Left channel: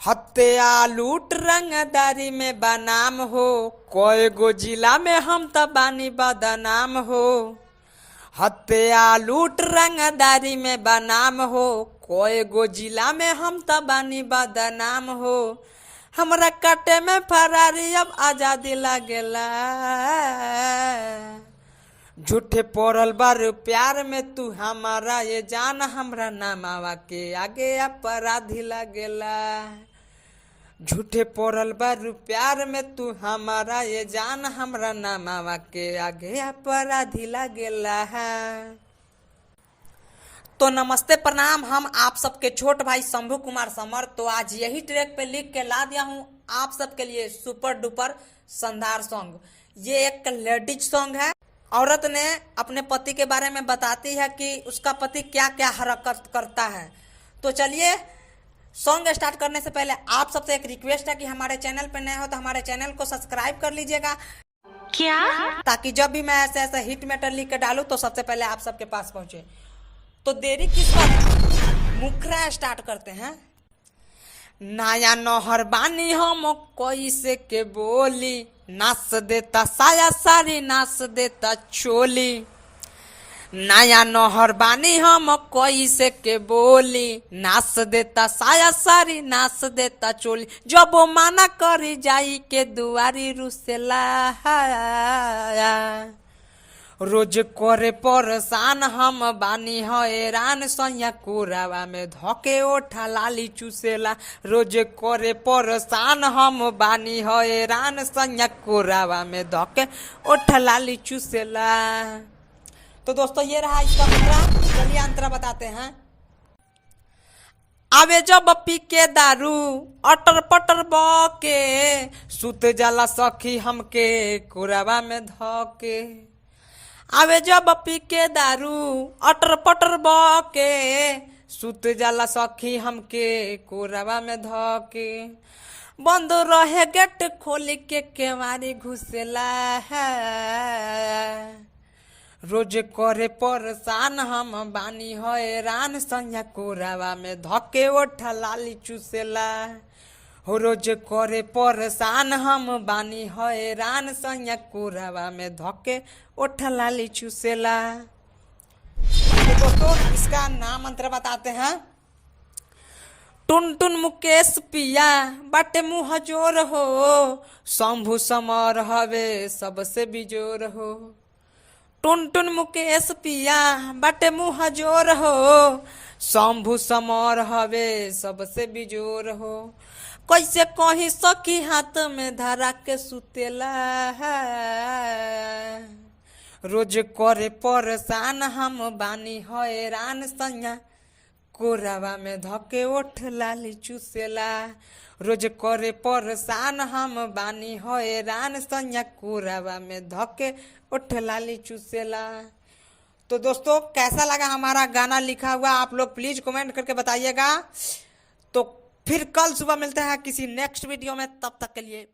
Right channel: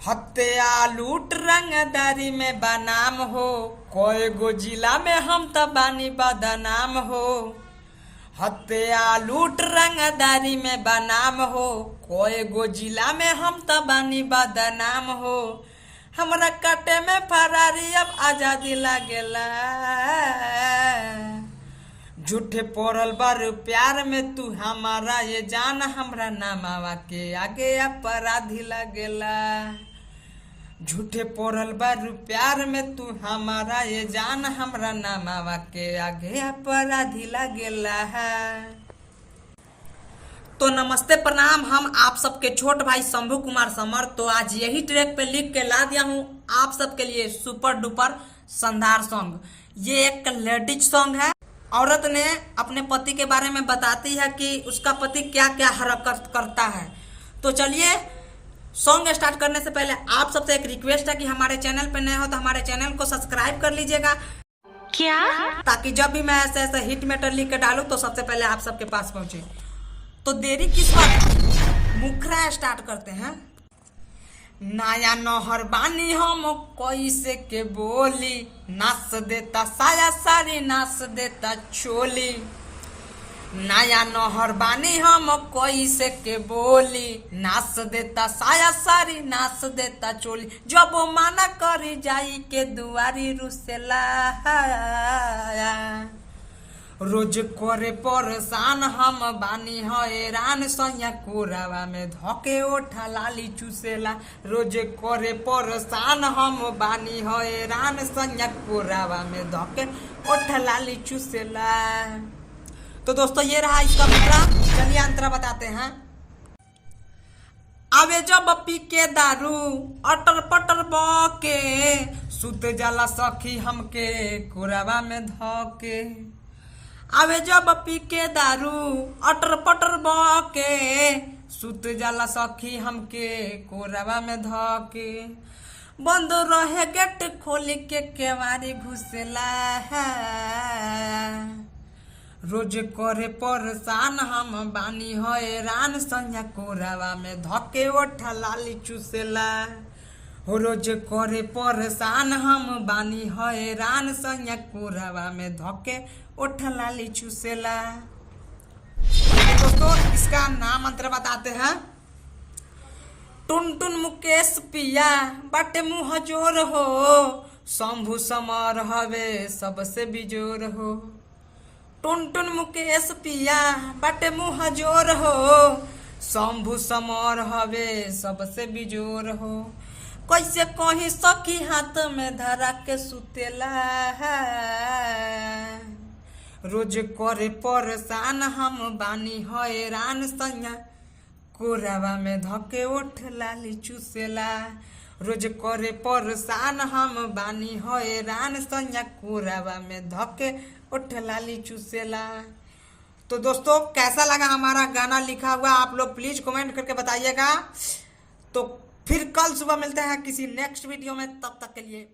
हत्या लूट रंगदारी में बनाम हो, कोई गो जिला में हम त बानी बदनाम हो। हत्या लूट रंगदारी में बनाम हो, कोई गो जिला में हम त बानी बदनाम हो। हमरा काटे में फरारी अब आजादी लागेला, झूठे पड़ल बारू प्यार में तू हमारा ये जान, हमरा नामावा के आगे अपराधी लगेला। झूठे पड़ल बारू प्यार में तू हमारा ये जान, हमरा नामावा के आगे अपराधी लगेला है। तो नमस्ते प्रणाम, हम आप सबके छोट भाई शंभू कुमार समर। तो आज यही ट्रैक पे लिख के ला दिया हूँ आप सबके लिए सुपर डुपर शानदार सॉन्ग। ये एक लेडीज सॉन्ग है। औरत ने अपने पति के बारे में बताती है कि उसका पति क्या क्या हरकत करता है। तो चलिए सॉन्ग स्टार्ट करने से पहले आप सबसे एक रिक्वेस्ट है कि हमारे चैनल पे नए हो तो हमारे चैनल को सब्सक्राइब कर लीजिएगा, क्या ताकि जब भी मैं ऐसे ऐसे हिट मैटर लिख के डालूं तो सबसे पहले आप सबके पास पहुंचे। तो देरी किस बात, मुखरा स्टार्ट करते हैं। नया नौहर बानी हम कैसे के बोली, नाच देता साया सारी नाच देता चोली। नया नौहर बानी हम कैसे के बोली, नाच देता साया सारी नाच देता चोली। जब वो माना करी जाई के दुआरी रुसेला, रोज करे परेशान हम बानी हैरान, सैया कोरावा में धके ओठा लाली चूसेला। रोज करे परेशान हम बानी हैरान, सैया कोरावा में धके ओठा लाली चूसेला। तो दोस्तों ये रहा इसका मुखरा। चलिए अंतरा बताते हैं। आवे जब पी के दारू अटर पटर बके, सुत जाला सखी हमके कोरावा में धके। आवे जब पी के दारू अटर पटर बके, सुत जाला सखी हमके कोरावा में धके। बंद रहे गेट खोल के केवारी घुसेला है, रोज करे परेशान हम बानी हैरान, सैया कोरावा में धके ओठा लाली चूसेला। रोज करे परेशान हम बानी हैरान, सैया कोरावा में धके ओठा लाली चूसेला। तो दोस्तों इसका नाम अंतर बताते हैं। टुन टुन मुकेश पिया बाटे मुँह जोर हो, शंभू समर हवे सबसे बिजोर हो। टुन टुन मुकेश पिया बाटे मुँह जोर हो, शंभू समर हवे सबसे बिजोर हो। कैसे कहीं सखी हाथ में धरा के सुतेला है, रोज करे परेशान हम बानी हैरान, सैया कोरावा में धके ओठ लाली चूसेला। रोज करे परेशान हम बानी हैरान, सैया कोरावा में धके ओठ लाली चूसेला। तो दोस्तों कैसा लगा हमारा गाना लिखा हुआ, आप लोग प्लीज कमेंट करके बताइएगा। तो फिर कल सुबह मिलते हैं किसी नेक्स्ट वीडियो में, तब तक के लिए